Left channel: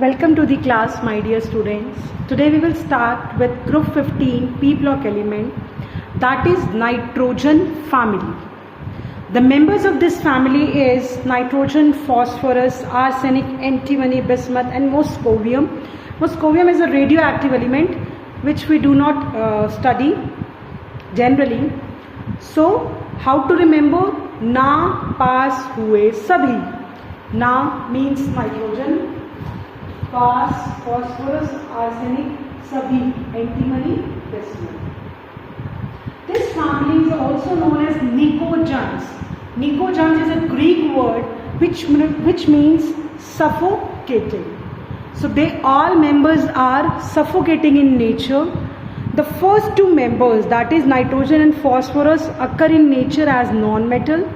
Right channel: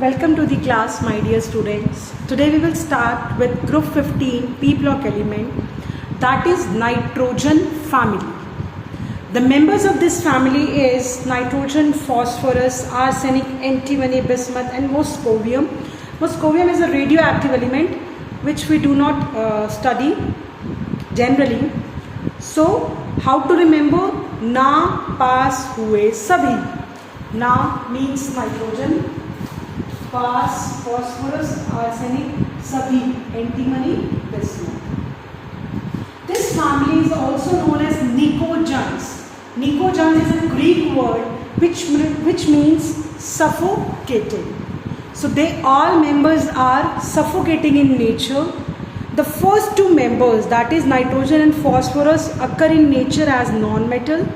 Welcome to the class, my dear students. Today we will start with group 15 P block element, that is nitrogen family. The members of this family is nitrogen, phosphorus, arsenic, antimony, bismuth and moscovium. Moscovium is a radioactive element which we do not study generally. So how to remember? Na, pass, hue, sabhi. Na means nitrogen, pass, phosphorus, arsenic, sabhi, antimony, bismuth. This family is also known as nicogens. Nicogens is a Greek word which means suffocating. So they all members are suffocating in nature. The first two members, that is nitrogen and phosphorus, occur in nature as non-metal.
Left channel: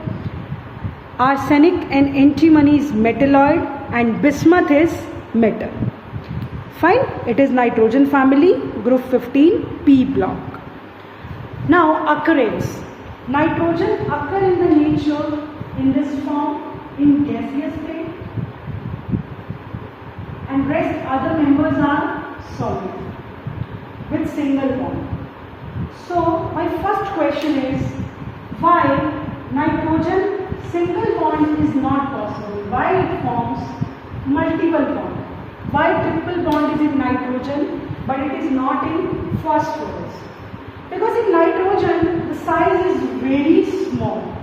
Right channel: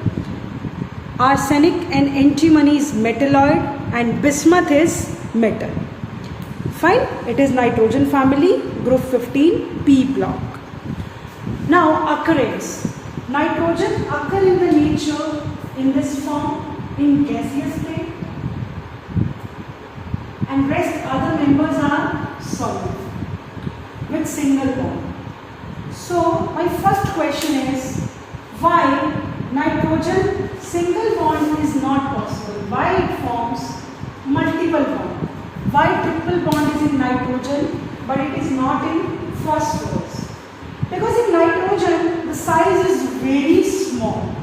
Arsenic and antimony is metalloid and bismuth is metal. Fine, it is nitrogen family, group 15, P block. Now occurrence. Nitrogen occur in the nature in this form in gaseous state and rest other members are solid with single bond. So my first question is, why nitrogen single bond is not possible? Why it forms multiple bond? Why triple bond is in nitrogen but it is not in phosphorus? Because in nitrogen the size is very small.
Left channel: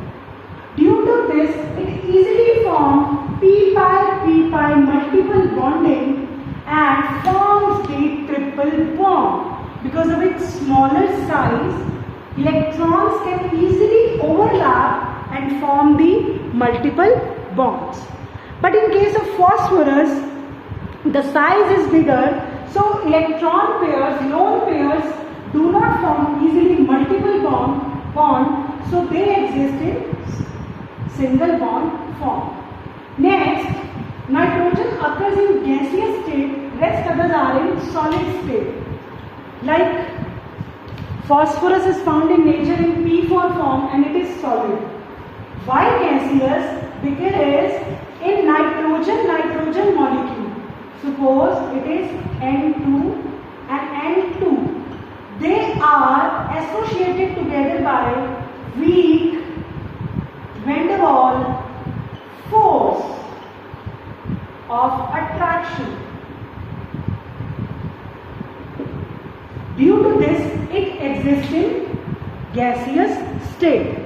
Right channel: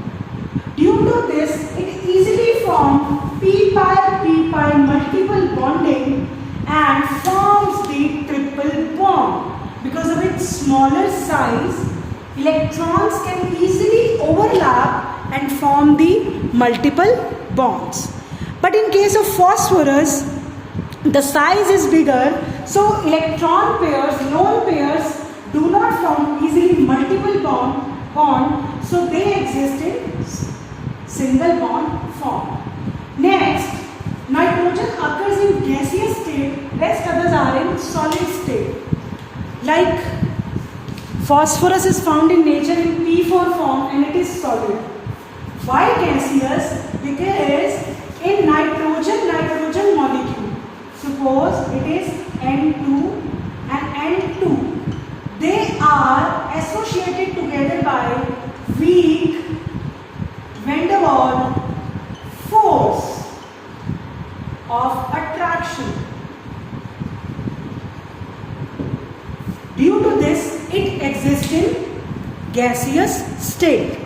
Due to this, it easily forms p-pi multiple bonding and forms the triple bond. Because of its smaller size, electrons can easily overlap and form the multiple bonds. But in case of phosphorus, the size is bigger, so electron pairs, lone pairs do not form easily multiple bond, so they exist in single bond form. Next, nitrogen occurs in gaseous state, rest others are in solid state. Like phosphorus is found in nature in P4 form and it is solid. Why gaseous? Because in nitrogen molecule, suppose it is N2 and N2, they are associated together by weak van der Waals force of attraction. Due to this, it exists in gaseous state,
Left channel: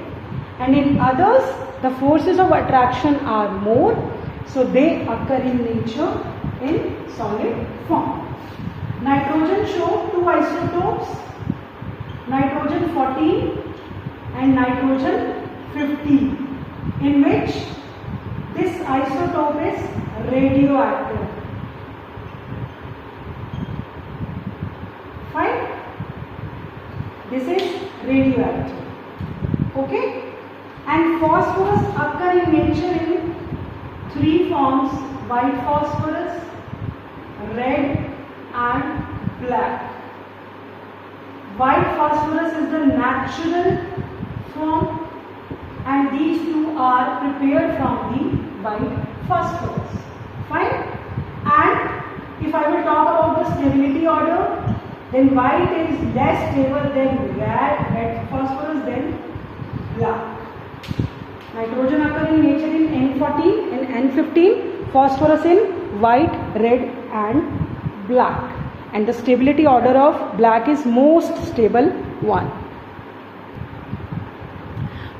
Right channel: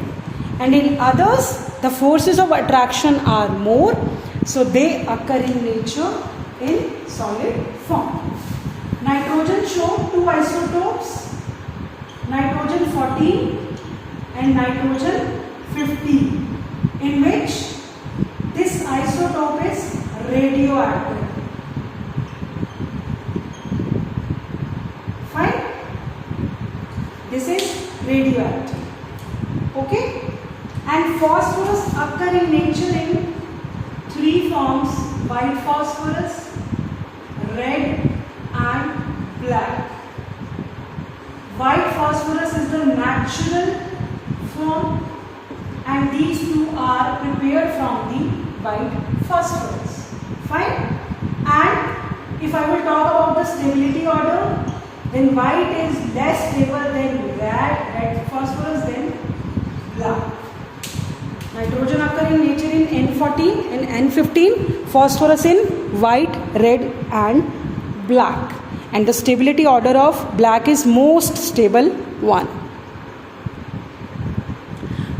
and in others the forces of attraction are more, so they occur in nature in solid form. Nitrogen show two isotopes, nitrogen 14 and nitrogen 15, in which this isotope is radioactive. Fine? This is radioactive. Okay? And phosphorus occur in nature in three forms: white phosphorus, red and black. White phosphorus is the natural form and these two are prepared from the white phosphorus. Fine? And if I will talk about the stability order, then white is less stable than red phosphorus, then black. Nitrogen occur in nature in N14 and N15, phosphorus in white, red and black. And the stability order of black is most stable one.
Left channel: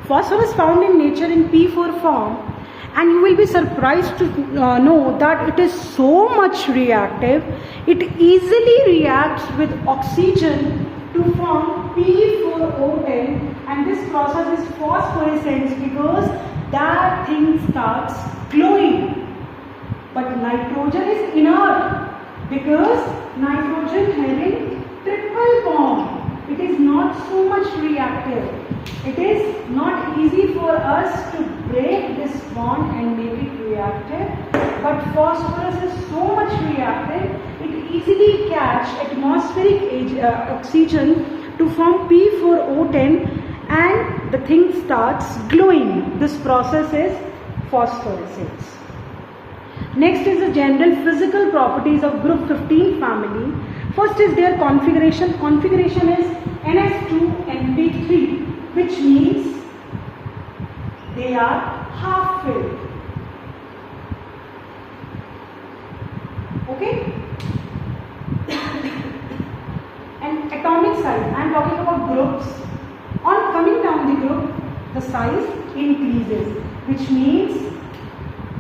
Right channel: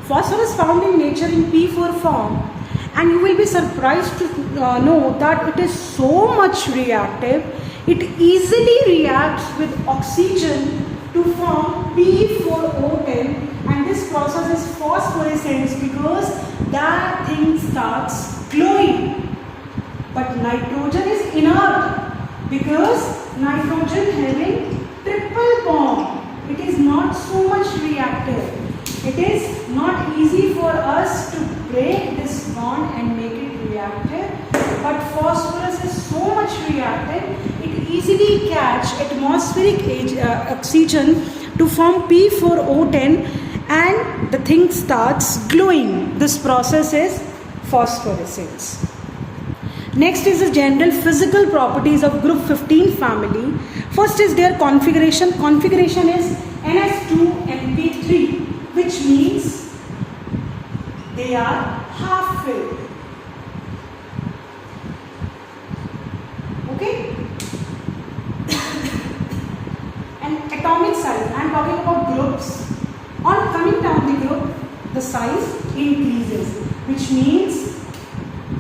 Phosphorus found in nature in P4 form, and you will be surprised to know that it is so much reactive. It easily reacts with oxygen to form P4O10, and this process is phosphorescence because that thing starts glowing. But nitrogen is inert because nitrogen having triple bond, it is not so much reactive. It is not easy for us to break this bond and make it reactive, but phosphorus is so much reactive, it easily catch atmospheric oxygen to form P4O10 and the thing starts glowing. This process is phosphorescence. Next is the general physical properties of group 15 family. First is their configuration. Configuration is NS2NP3, which means they are half filled. Okay? And atomic size, I am talking about groups. On coming down the group, the size increases, which means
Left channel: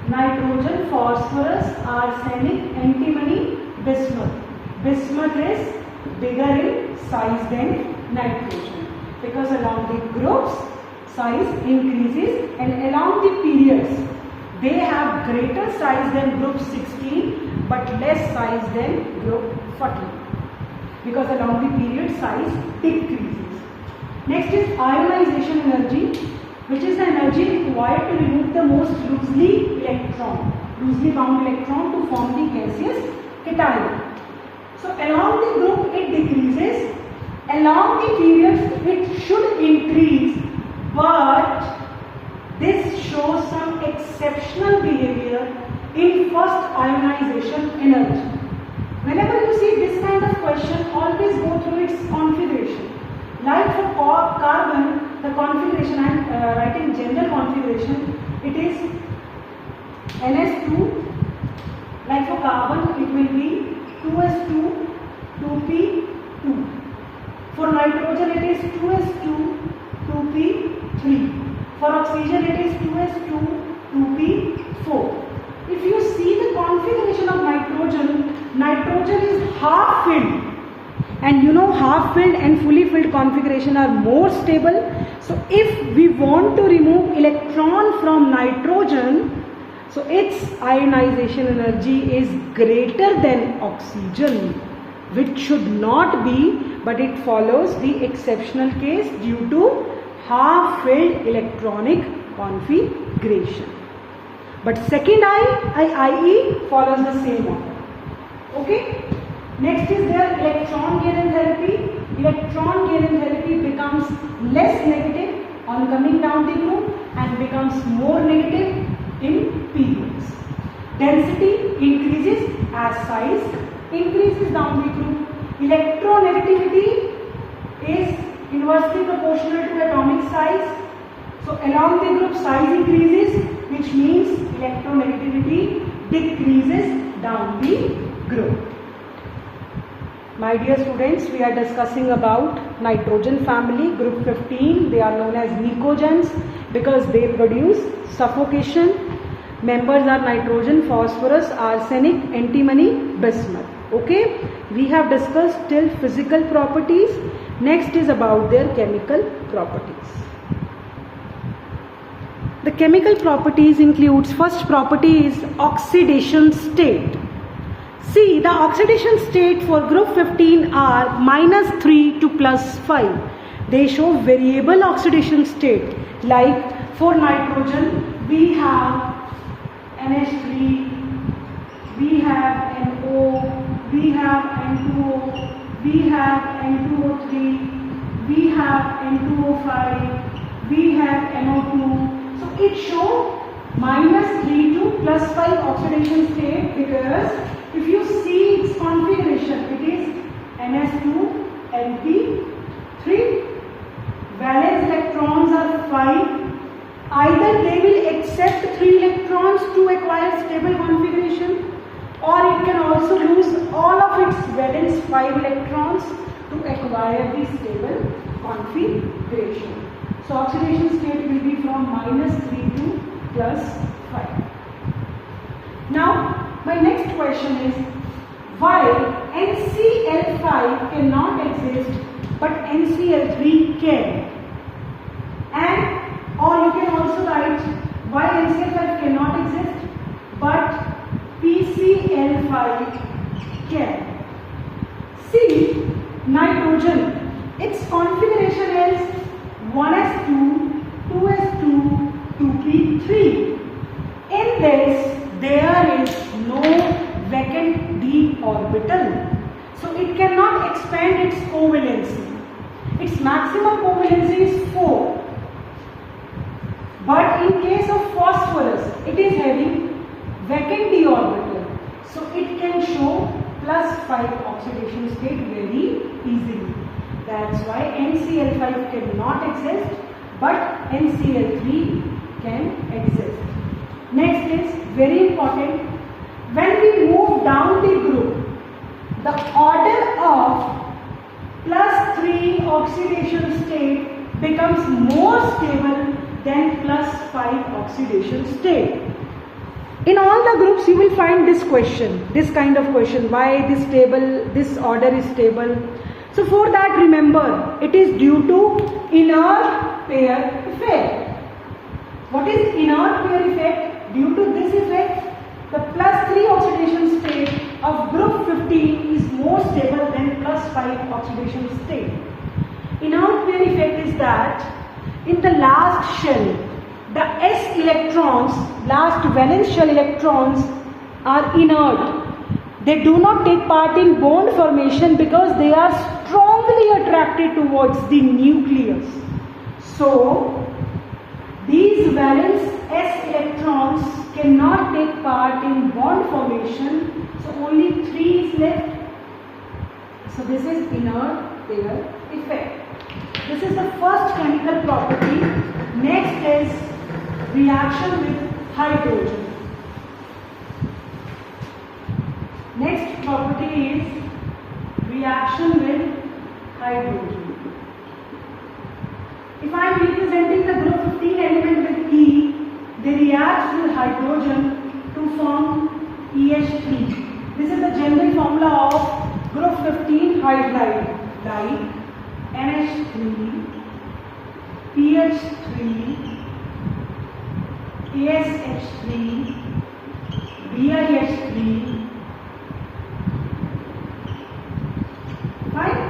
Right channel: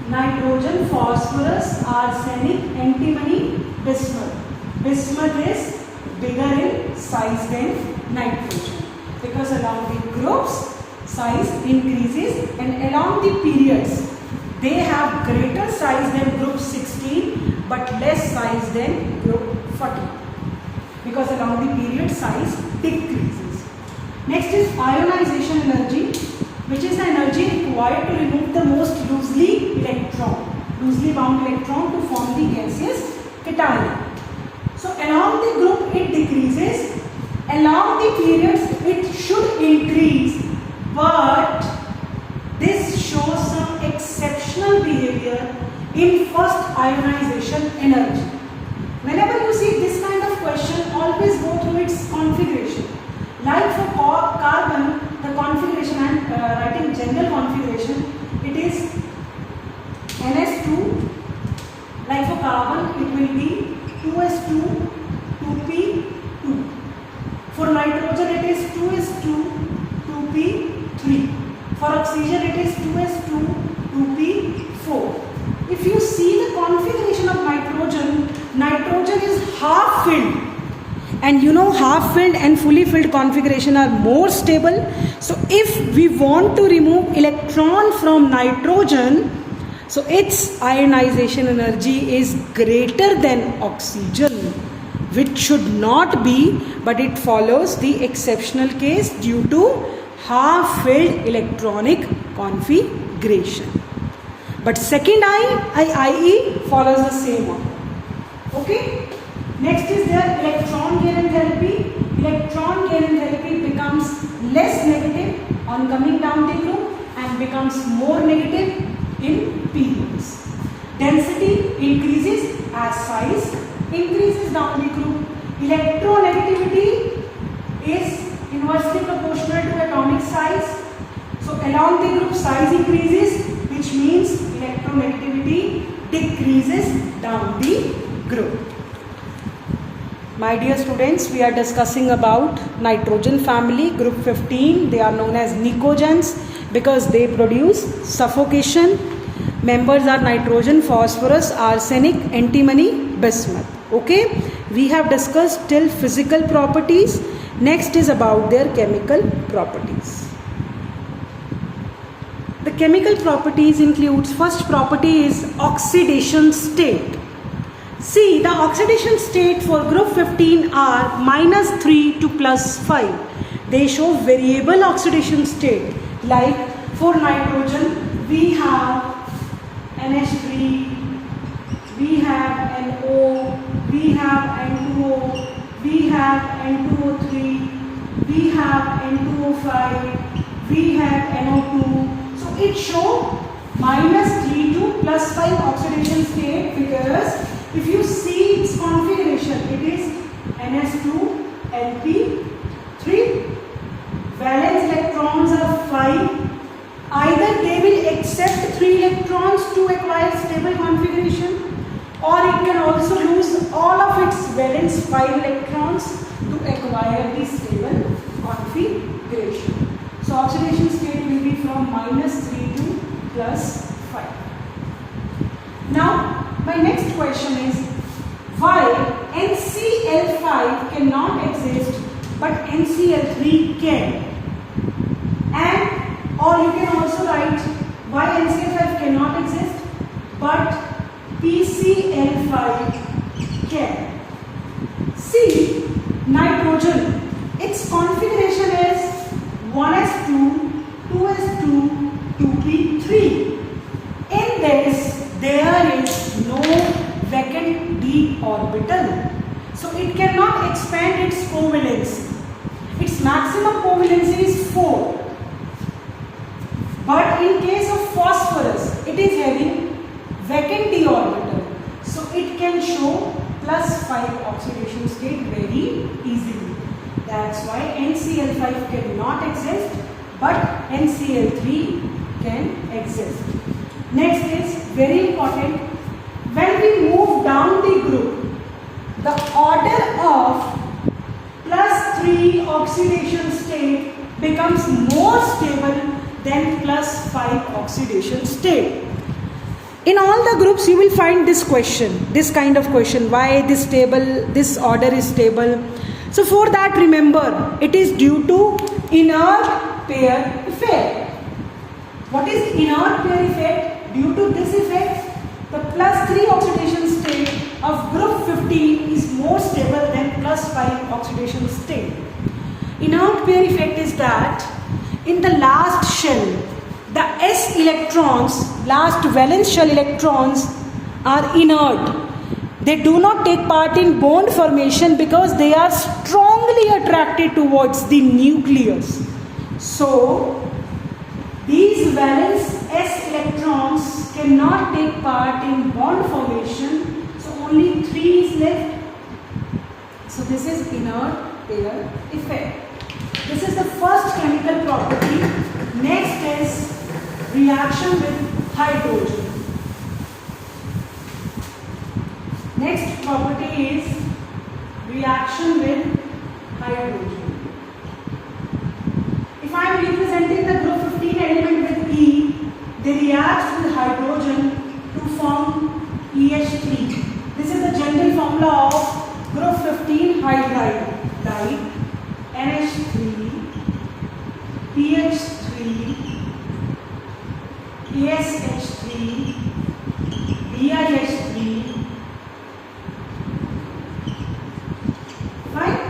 nitrogen, phosphorus, arsenic, antimony, bismuth. Bismuth is bigger in size than nitrogen, because along the groups size increases, and along the periods they have greater size than group 16 but less size than group 14, because along the period size decreases. Next is ionization energy, which is the energy required to remove the most loosely bound electron to form the gaseous cation. So along the group it decreases, along the periods it should increase, but this shows some exceptional behavior in first ionization energy. Whenever you see this kind of question, always go through its configuration. Like for carbon, the configuration, I am writing general configuration, it is NS2. Like for carbon, it will be 2s2, 2p2. For nitrogen, it is 2s2, 2p3. For oxygen, it is 2s2, 2p4. If you see the configuration of nitrogen is half filled. And you know, half filled and fully filled configuration are more stable. So if we want to remove electron from nitrogen, so its ionization energy is greater than oxygen, which should not be, but it follows the exceptional case due to half filled electronic configuration. But second IE follows the same one. Okay? Next is their electron gain enthalpy. Electron gain enthalpy becomes less negative on coming down the group and becomes more negative in periods. Density increases as size increases down the group. Electronegativity is inversely proportional to atomic size. So along the group size increases, which means electronegativity decreases down the group. My dear students, we are discussing about nitrogen family, group 15. They are known as nicogens because they produce suffocation. Members are nitrogen, phosphorus, arsenic, antimony, bismuth. Okay, we have discussed till physical properties. Next is about their chemical properties. The chemical properties includes, first property is oxidation state. See, the oxidation state for group 15 are -3 to +5. They show variable oxidation state. Like for nitrogen, we have NH3, we have NO, we have N2O, we have N2O3, we have N2O5, we have NO2. So it shows -3 to +5 oxidation state, because if you see its configuration, it is NS2, NP3. Valence electrons are 5. Either they will accept 3 electrons to acquire stable configuration, or it can also lose all of its valence 5 electrons to acquire the stable configuration. So oxidation state will be from -3 to +5. Now, my next question is, why NCl5 cannot exist but NCl3 can? And or you can also write why NCl5 cannot exist but PCl5 can. See, nitrogen, its configuration is 1s2, 2s2, 2p3. In this, there is no vacant d orbital, so it cannot expand its covalency. Its maximum covalency is 4. But in case of phosphorus, it is having vacant d orbital. So it can show +5 oxidation state very easily. That's why NCl5 cannot exist, but NCl3 can exist. Next is very important. When we move down the group, the order of +3 oxidation state becomes more stable than +5 oxidation state. In all the groups you will find this question, this kind of question, why this table, this order is stable. So for that, remember, it is due to inert pair effect. What is inert pair effect? Due to this effect, the +3 oxidation state of group 15 is more stable than +5 oxidation state. Inert pair effect is that in the last shell, the s electrons, last valence shell electrons, are inert. They do not take part in bond formation because they are strongly attracted towards the nucleus. So these valence s electrons cannot take part in bond formation. So only 3 is left. So this is inert pair effect. This is the first chemical property. Next is reaction with hydrogen. Next property is reaction with hydrogen. If I am representing the group 15 element with E, they react with hydrogen to form EH3. This is the general formula of group 15 hydride, like NH3, PH3, ASH3, BiH3. Right?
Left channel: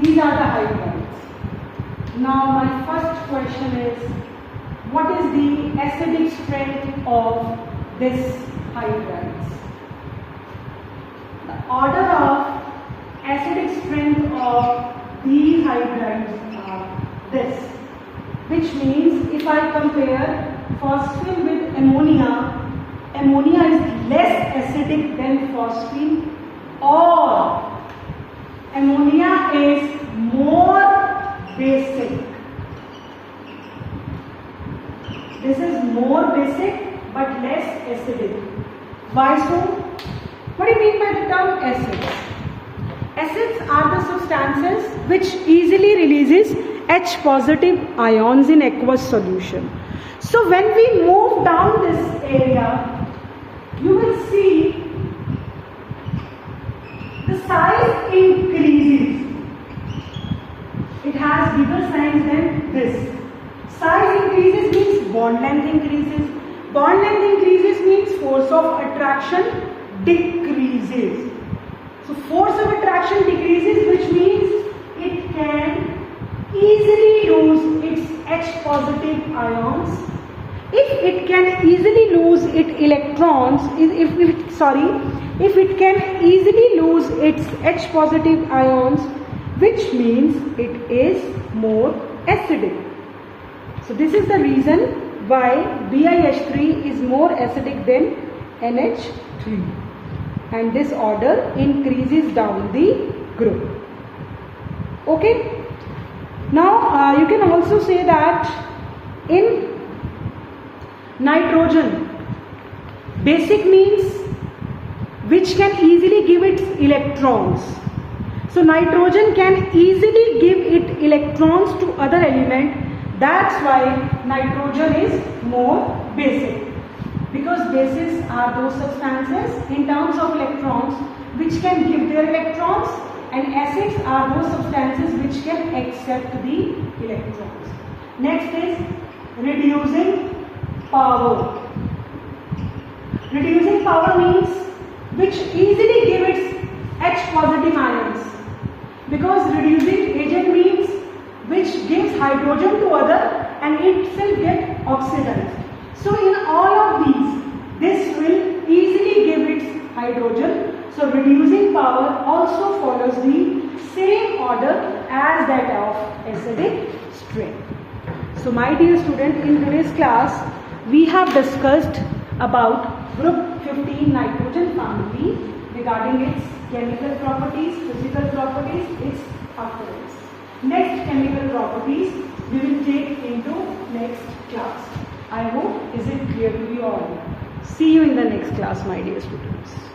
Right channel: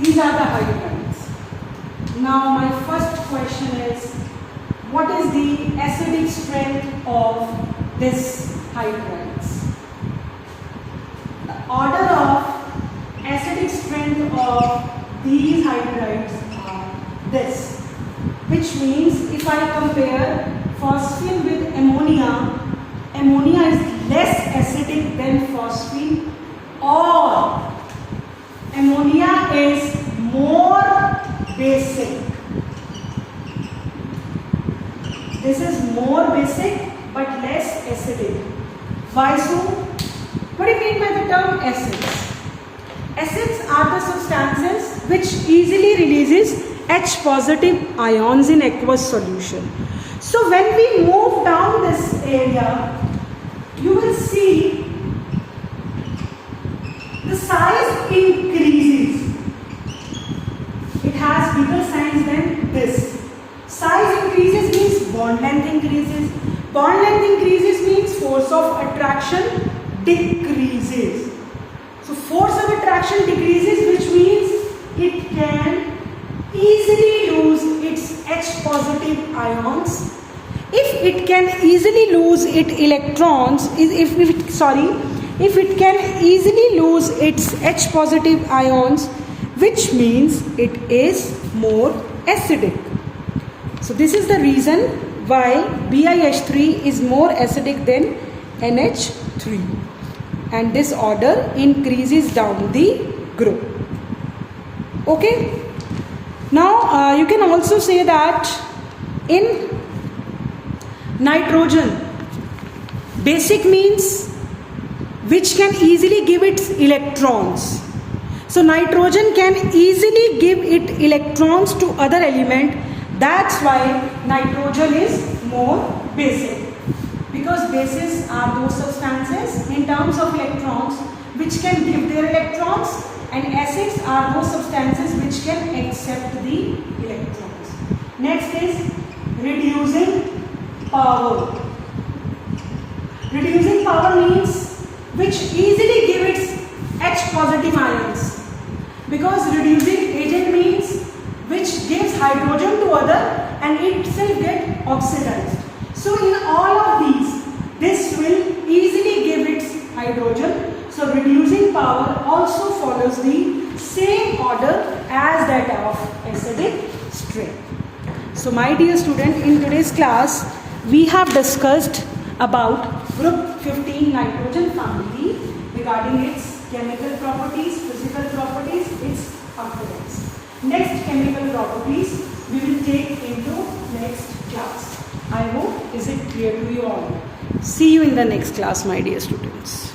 These are the hydrides. Now my first question is, what is the acidic strength of this hydrides? The order of acidic strength of these hydrides are this, which means if I compare phosphine with ammonia, ammonia is less acidic than phosphine, or ammonia is more basic. This is more basic but less acidic. Why so? What do you mean by the term acids? Acids are the substances which easily releases H positive ions in aqueous solution. So when we move down this area, you will see the size increases. It has bigger size than this. Size increases means bond length increases. Bond length increases means force of attraction decreases. So force of attraction decreases, which means it can easily lose its H positive ions. If it can easily lose its electrons, if it can easily lose its H positive ions, which means it is more acidic. So this is the reason why BiH3 is more acidic than NH3, and this order increases down the group. Okay. Now you can also say that in nitrogen, basic means which can easily give its electrons. So nitrogen can easily give its electrons to other element. That's why nitrogen is more basic, because bases are those substances in terms of electrons which can give their electrons, and acids are those substances which can accept the electrons. Next is reducing power. Reducing power means which easily give its H positive ions, because reducing agent means which gives hydrogen to other and itself get oxidized. So in all of these, this will easily give its hydrogen. So reducing power also follows the same order as that of acidic strength. So my dear student, in today's class, we have discussed about group 15 nitrogen family regarding its chemical properties, physical properties, its occurrence. Next chemical properties we will take into next class. I hope is it clear to you all. See you in the next class, my dear students.